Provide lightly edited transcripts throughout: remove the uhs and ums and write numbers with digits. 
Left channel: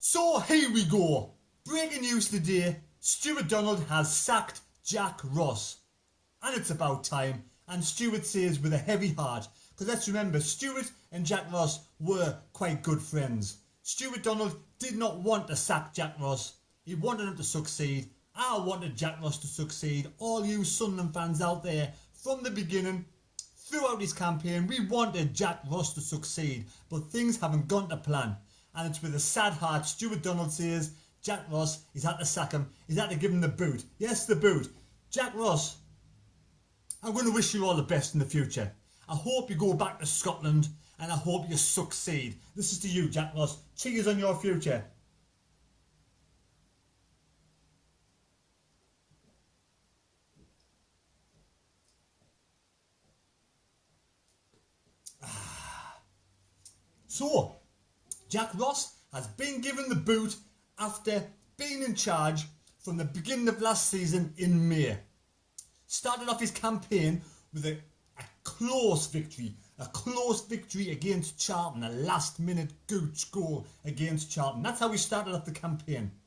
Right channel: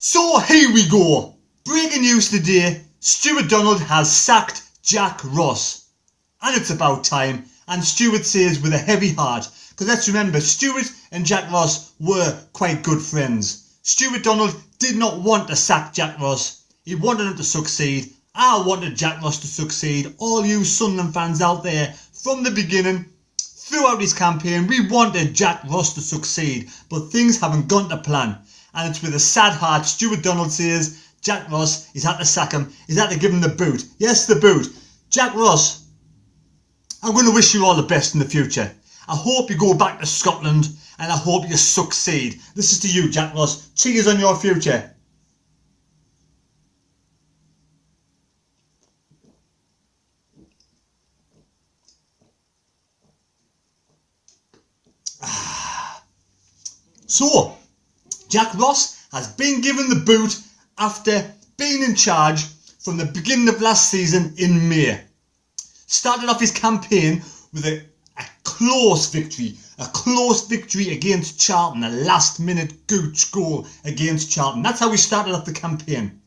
So here we go. Breaking news today, Stuart Donald has sacked Jack Ross. And it's about time, and Stuart says with a heavy heart, because let's remember, Stuart and Jack Ross were quite good friends. Stuart Donald did not want to sack Jack Ross. He wanted him to succeed. I wanted Jack Ross to succeed. All you Sunderland fans out there, from the beginning, throughout his campaign, we wanted Jack Ross to succeed, but things haven't gone to plan. And it's with a sad heart Stuart Donald says Jack Ross, he's had to sack him, he's had to give him the boot. Yes, the boot. Jack Ross, I'm going to wish you all the best in the future. I hope you go back to Scotland and I hope you succeed. This is to you, Jack Ross. Cheers on your future. So, Jack Ross has been given the boot after being in charge from the beginning of last season in May. Started off his campaign with a close victory against Charlton, a last minute gooch goal against Charlton. That's how we started off the campaign.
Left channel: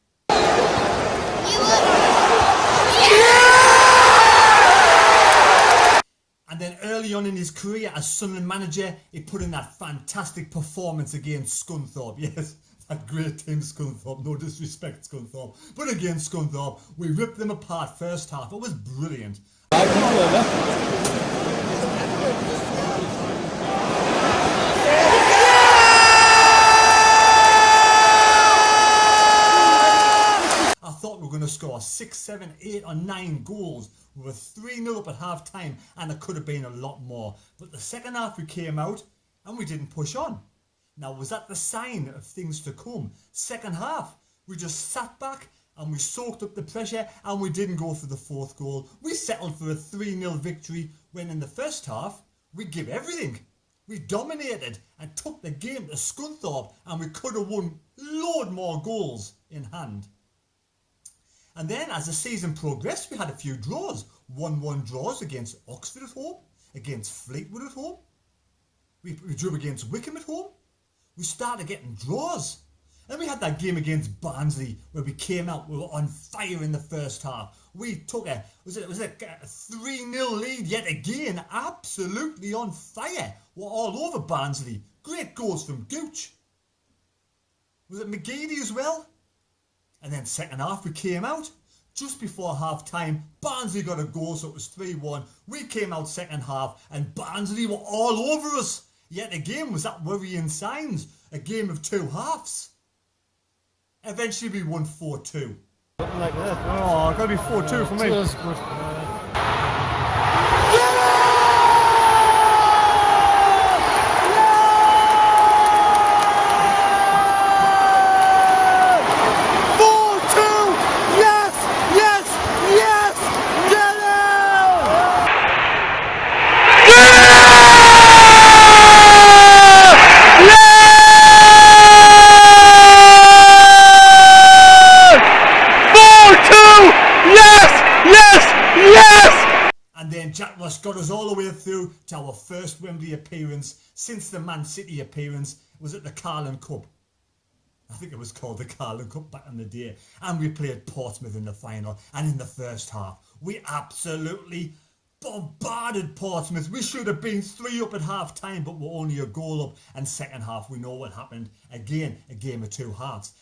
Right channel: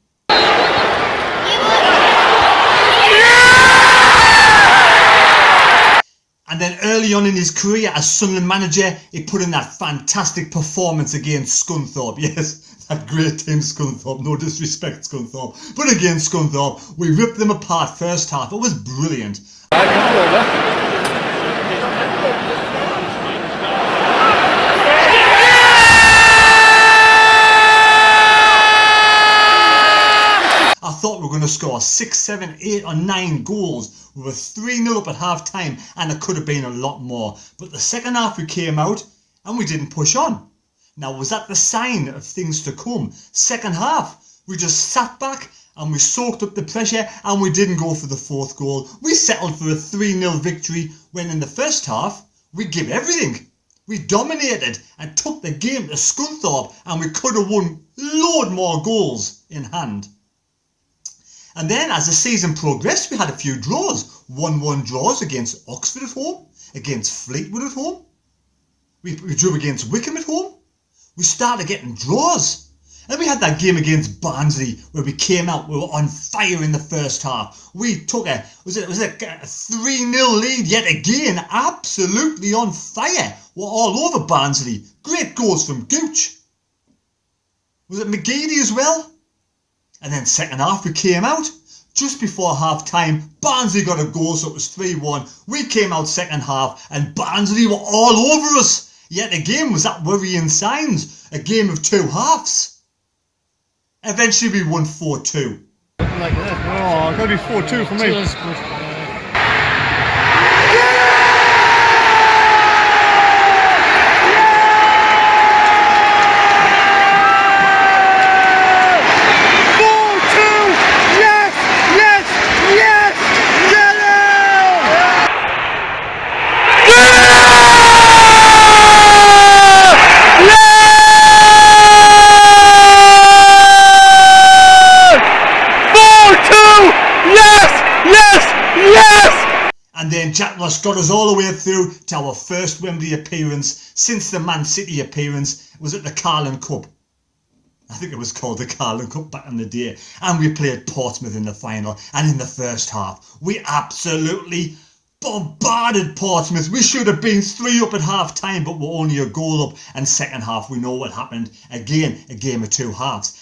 And then early on in his career as Sunderland manager, he put in that fantastic performance against Scunthorpe. Yes, that great team Scunthorpe, no disrespect Scunthorpe. But against Scunthorpe, we ripped them apart first half. It was brilliant. I thought we were going to score 6, 7, 8 or 9 goals. We were 3-0 up at half time and it could have been a lot more. But the second half we came out and we didn't push on. Now, was that the sign of things to come? Second half, we just sat back and we soaked up the pressure and we didn't go for the fourth goal. We settled for a 3-0 victory when in the first half we gave everything. We dominated and took the game to Scunthorpe and we could have won load more goals in hand. And then as the season progressed, we had a few draws. 1-1 draws against Oxford at home, against Fleetwood at home. We drew against Wickham at home. We started getting draws. And we had that game against Barnsley where we came out, we were on fire in the first half. We took a 3-0 lead yet again, absolutely on fire. We're all over Barnsley. Great goals from Gooch. Was it McGeady as well? And then second half we came out. Just before half time, Barnsley got a goal, so it was 3-1. We came out second half and Barnsley were all over us. Yet again was that worrying signs. A game of two halves. Eventually we won 4-2. Like that. Oh, it's got to be 4-2 for me. Jack Ross got us all the way through to our first Wembley appearance since the Man City appearance. It was at the Carling Cup. I think it was called the Carling Cup back in the day. And we played Portsmouth in the final. And in the first half, we absolutely bombarded Portsmouth. We should have been 3 up at half time, but we're only a goal up. And second half, we know what happened. Again, a game of two halves.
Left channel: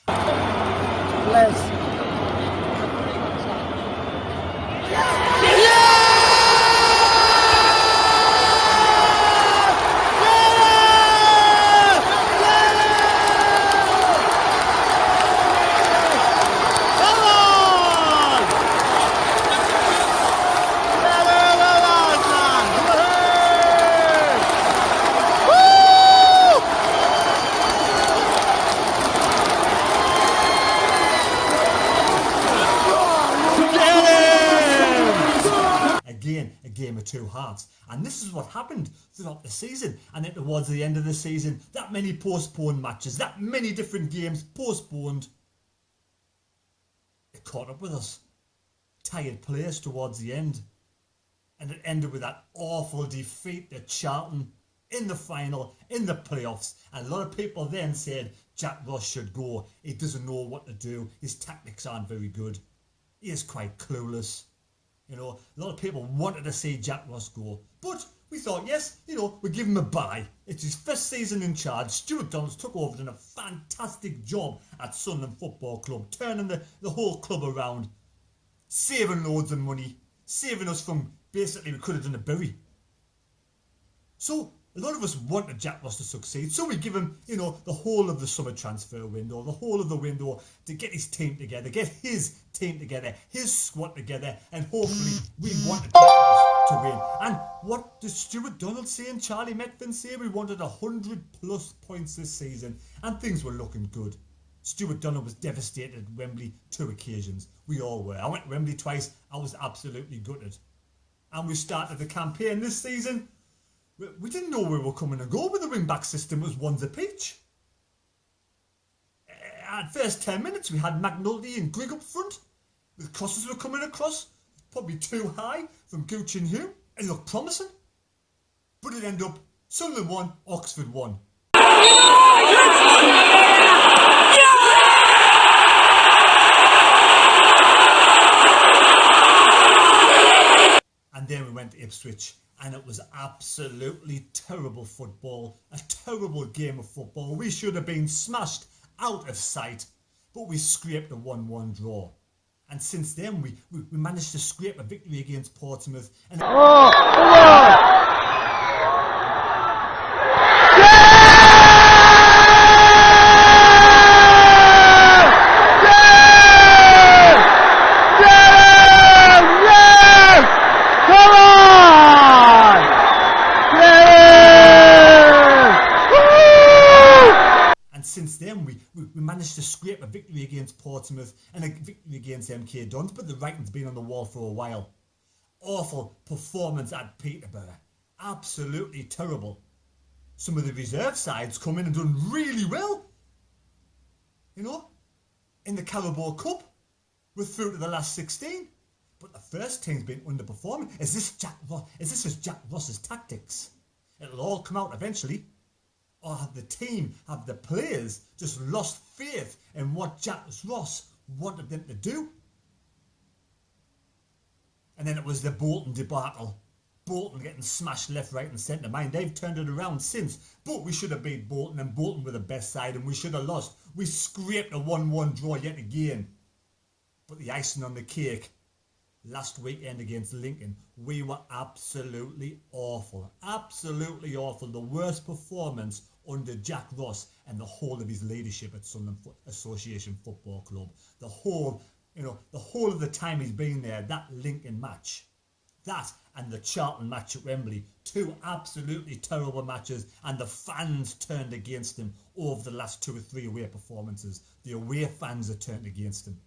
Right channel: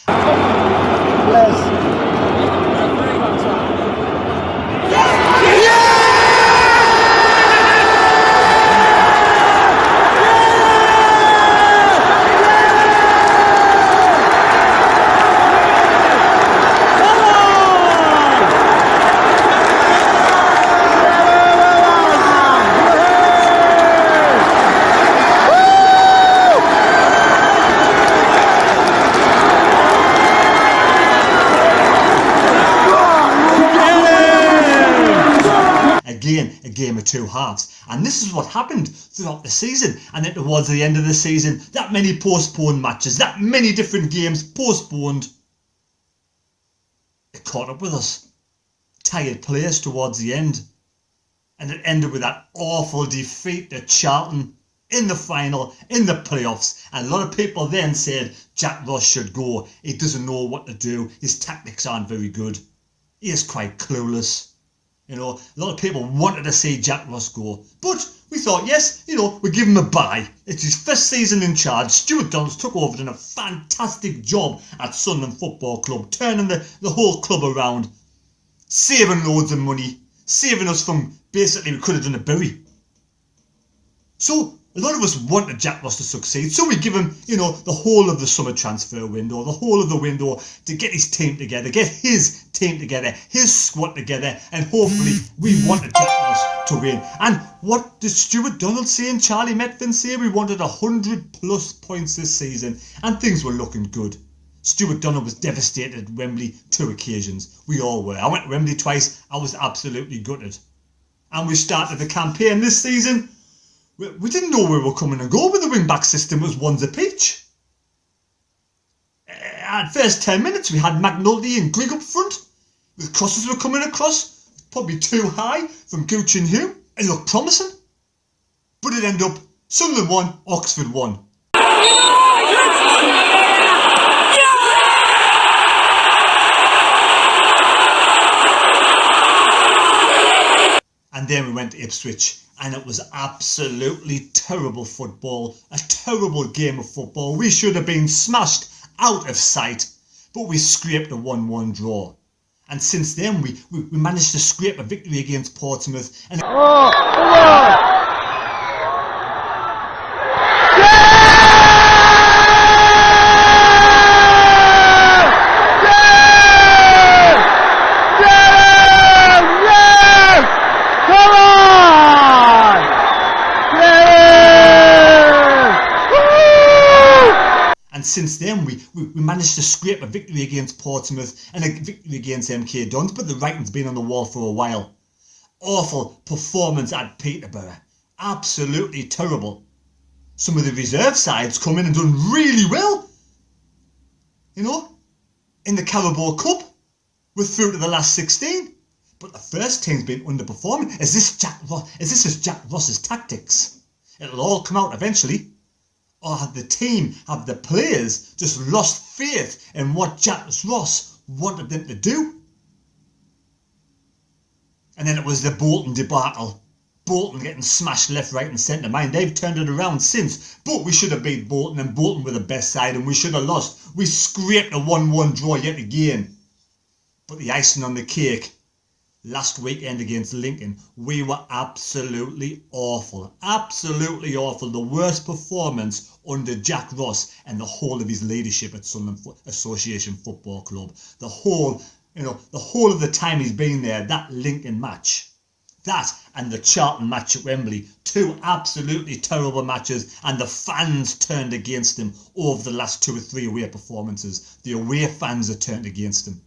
A game of two halves, and this is what happened throughout the season. And then towards the end of the season, that many postponed matches, that many different games postponed, it caught up with us. Tired players towards the end, and it ended with that awful defeat to Charlton in the final, in the playoffs, and a lot of people then said Jack Ross should go. He doesn't know what to do. His tactics aren't very good. He is quite clueless. You know, a lot of people wanted to see Jack Ross go, but we thought, yes, you know, we give him a bye. It's his first season in charge. Stuart Donald took over, done a fantastic job at Sunderland Football Club, turning the whole club around, saving loads of money, saving us from basically we could have done a bury. So a lot of us wanted Jack Ross to succeed, so we give him, you know, the whole of the summer transfer window, the whole of the window to get his team together, get his team together, his squad together, and hopefully we wanted Jack Ross to win. And what did Stuart Donald say and Charlie Metfin say? We wanted 100+ points this season, and things were looking good. Stuart Donald was devastated at Wembley 2 occasions. We all were. I went to Wembley twice. I was absolutely gutted. And we started the campaign this season. We didn't know where we were coming and go with the wing-back system. It was ones a peach. At first 10 minutes, we had McNulty and Grigg up front. The crosses were coming across, probably too high from Gooch and Hume. It looked promising. But it ended up Sunderland 1, Oxford 1. And then we went to Ipswich, and it was absolutely terrible football, a terrible game of football. We should have been smashed out of sight, but we scraped a 1-1 draw. And since then, we managed to scrape a victory against Portsmouth. And since then, we managed to scrape a victory against Portsmouth and a victory against MK Dons, but the writing's been on the wall for a while. Awful performance at Peterborough. Absolutely terrible. Some of the reserve sides come in and done really well. You know, in the Carabao Cup, we're through to the last 16. But the first team's been underperforming. Is this Jack Ross's tactics? It'll all come out eventually. Or have the team, have the players just lost faith in what Jack Ross wanted them to do? And then it was the Bolton debacle. Bolton getting smashed left, right and centre. Mind, they've turned it around since. But we should have beat Bolton, and Bolton were the best side, and we should have lost. We scraped a 1-1 draw yet again. But the icing on the cake, last weekend against Lincoln, we were absolutely awful. Absolutely awful. The worst performance under Jack Ross and the whole of his leadership at Sunderland Association Football Club. The whole of the time he's been there, that Lincoln match, that and the Charlton match at Wembley, 2 absolutely terrible matches, and the fans turned against him over the last 2 or 3 away performances. The away fans are turned against him.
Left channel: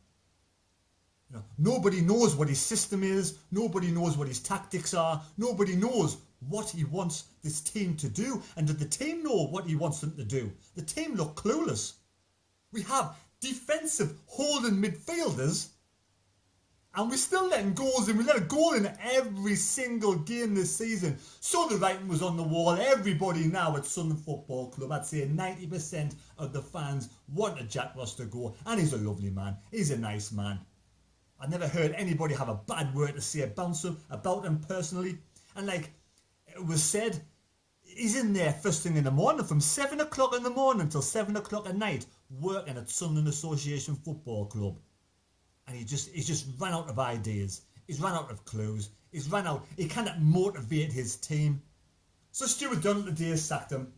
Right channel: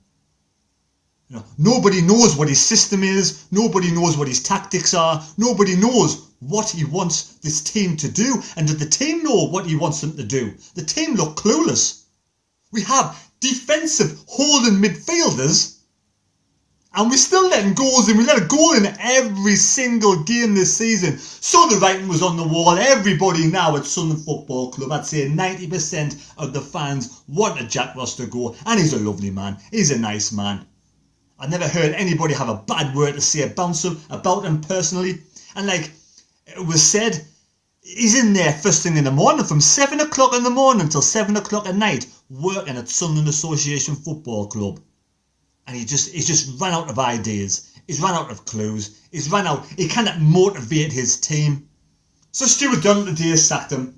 You know, nobody knows what his system is. Nobody knows what his tactics are. Nobody knows what he wants this team to do. And did the team know what he wants them to do? The team look clueless. We have defensive holding midfielders, and we're still letting goals in. We let a goal in every single game this season. So the writing was on the wall. Everybody now at Sunderland Football Club, I'd say 90% of the fans wanted Jack Ross to go. And he's a lovely man. He's a nice man. I never heard anybody have a bad word to say about him personally. And like it was said, he's in there first thing in the morning from 7 o'clock in the morning till 7 o'clock at night working at Sunderland Association Football Club. And he's just run out of ideas. He's run out of clues. He cannot motivate his team. So Stuart Donald today sacked him.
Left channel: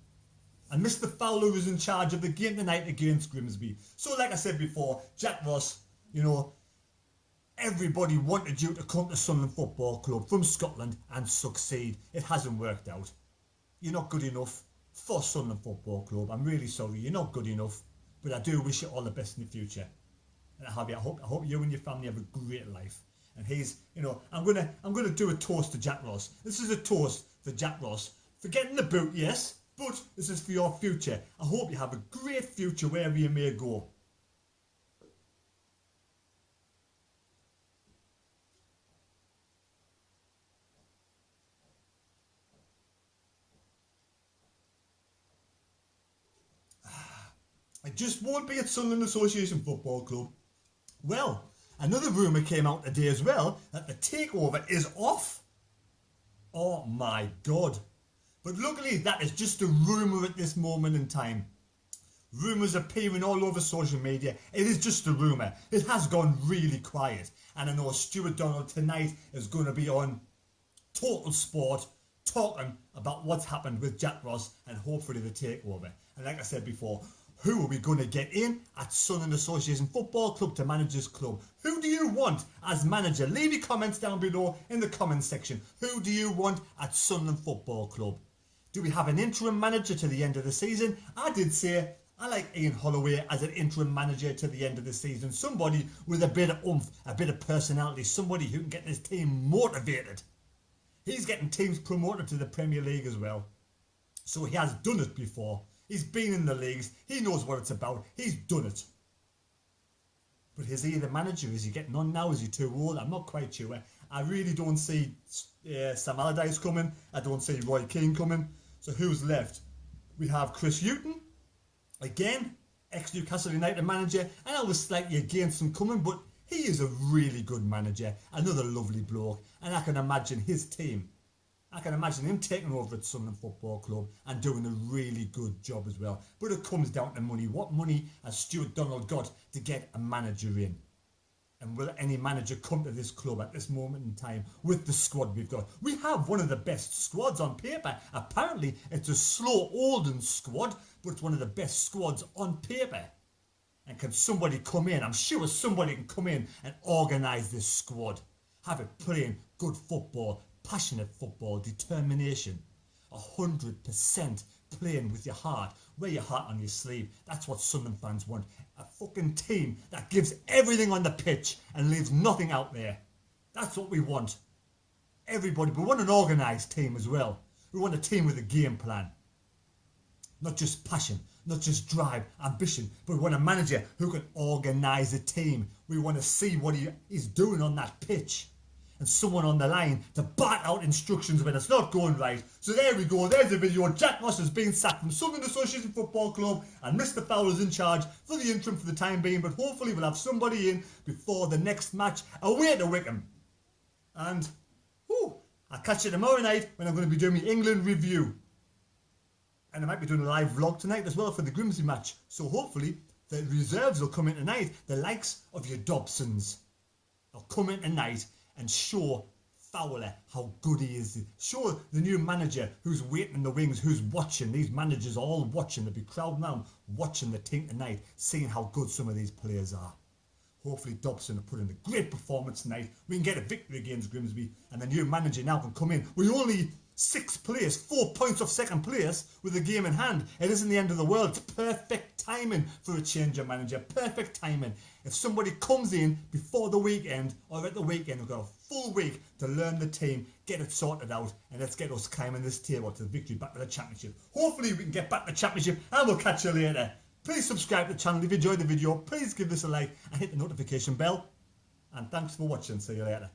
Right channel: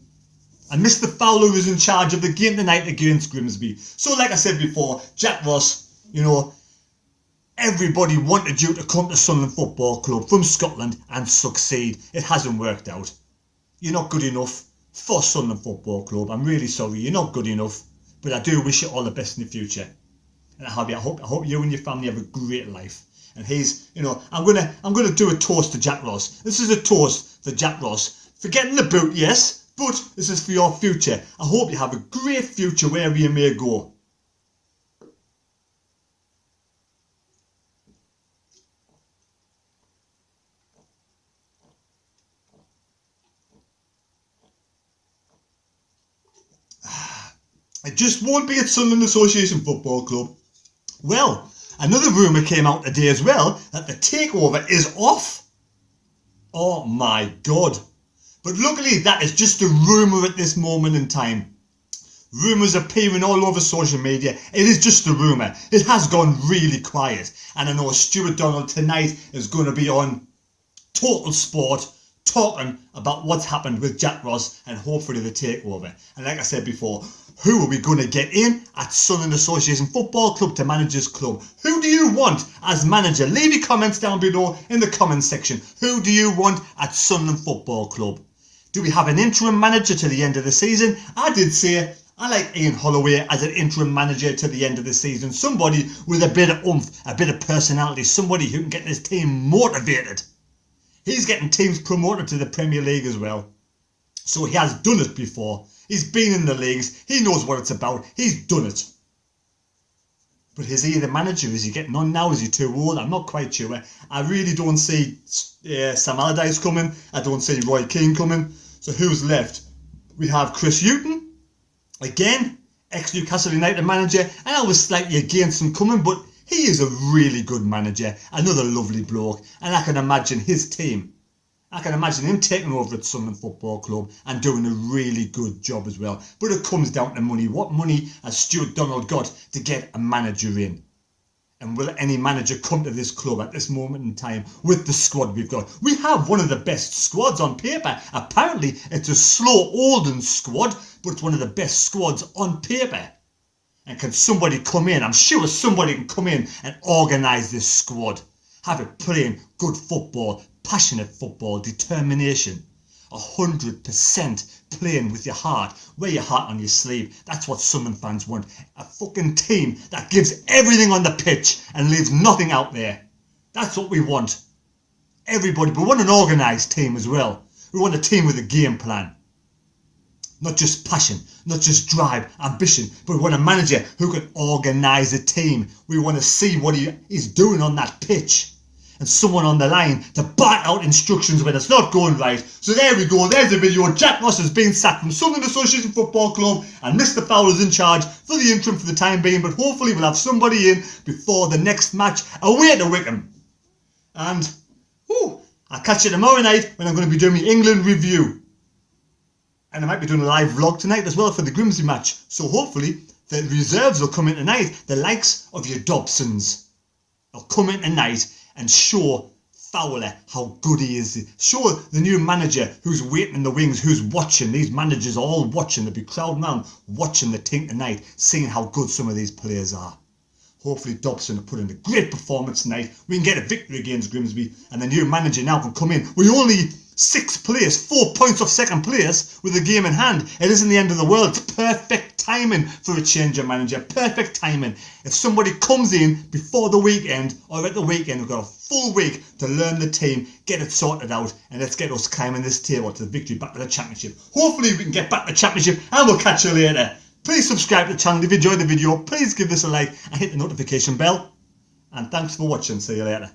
And Mr. Fowler was in charge of the game tonight against Grimsby. So like I said before, Jack Ross, you know, everybody wanted you to come to Sunderland Football Club from Scotland and succeed. It hasn't worked out. You're not good enough for Sunderland Football Club. I'm really sorry. You're not good enough. But I do wish you all the best in the future. And I hope you and your family have a great life. And he's, you know, I'm gonna do a toast to Jack Ross. This is a toast to Jack Ross for getting the boot, yes, but this is for your future. I hope you have a great future wherever you may go. It just won't be at Sunderland Association Football Club. Well, another rumour came out today as well that the takeover is off. Oh my God. But luckily that is just a rumour at this moment in time. Rumours appearing all over social media. It is just a rumour. It has gone really quiet. And I know Stuart Donald tonight is going to be on Total Sport talking about what's happened with Jack Ross and hopefully the takeover. And like I said before, who are we going to get in at Sunderland Association Football Club to manage this club? Who do you want as manager? Leave your comments down below in the comments section. Who do you want at Sunderland Football Club? Do we have an interim manager to the end of the season? I did say I like Ian Holloway as an interim manager to the end of the season. Somebody with a bit of oomph, a bit of personality, somebody who can get this team motivated. He's getting teams promoted to the Premier League as well. So he has done it before. He's been in the leagues. He knows what it's about. He's done it. But is he the manager? Is he getting on now? Is he too old? I'm not quite sure. I really don't see Sam Allardyce coming. I don't see Roy Keane coming. So who's left? We have Chris Hughton. Again, ex-Newcastle United manager. And I was slightly against him coming, but he is a really good manager. Another lovely bloke. And I can imagine his team. I can imagine him taking over at Sunderland Football Club and doing a really good job as well. But it comes down to money. What money has Stuart Donald got to get a manager in? And will any manager come to this club at this moment in time with the squad we've got? We have one of the best squads on paper. Apparently, it's a slow, olden squad, but it's one of the best squads on paper. And can somebody come in? I'm sure somebody can come in and organise this squad. Have it playing good football, passionate football, determination. 100% playing with your heart. Wear your heart on your sleeve. That's what Sunderland fans want. A fucking team that gives everything on the pitch and leaves nothing out there. That's what we want. Everybody. We want an organised team as well. We want a team with a game plan. Not just passion, not just drive, ambition, but we want a manager who can organise a team. We want to see what he is doing on that pitch. And someone on the line to bat out instructions when it's not going right. So there we go, there's the video. Jack Ross has been sacked from Sunderland Association Football Club and Mr. Fowler's in charge for the interim for the time being, but hopefully we'll have somebody in before the next match away to Wickham. And I'll catch you tomorrow night when I'm going to be doing my England review. And I might be doing a live vlog tonight as well for the Grimsby match. So hopefully the reserves will come in tonight, the likes of your Dobsons. They'll come in tonight and show Fowler how good he is. Show the new manager who's waiting in the wings, who's watching. These managers are all watching. They'll be crowding around watching the team tonight, seeing how good some of these players are. Hopefully Dobson will put in a great performance tonight. We can get a victory against Grimsby and the new manager now can come in. We only 6th place, 4 points off second place with the game in hand. It isn't the end of the world. Perfect timing for a change of manager. Perfect timing. If somebody comes in before the weekend or at the weekend, we've got a full week to learn the team, get it sorted out, and let's get us climbing this table to the victory back to the championship. Hopefully we can get back to the championship and we'll catch you later. Please subscribe to the channel if you enjoyed the video. Please give this a like and hit the notification bell. And thanks for watching. See you later.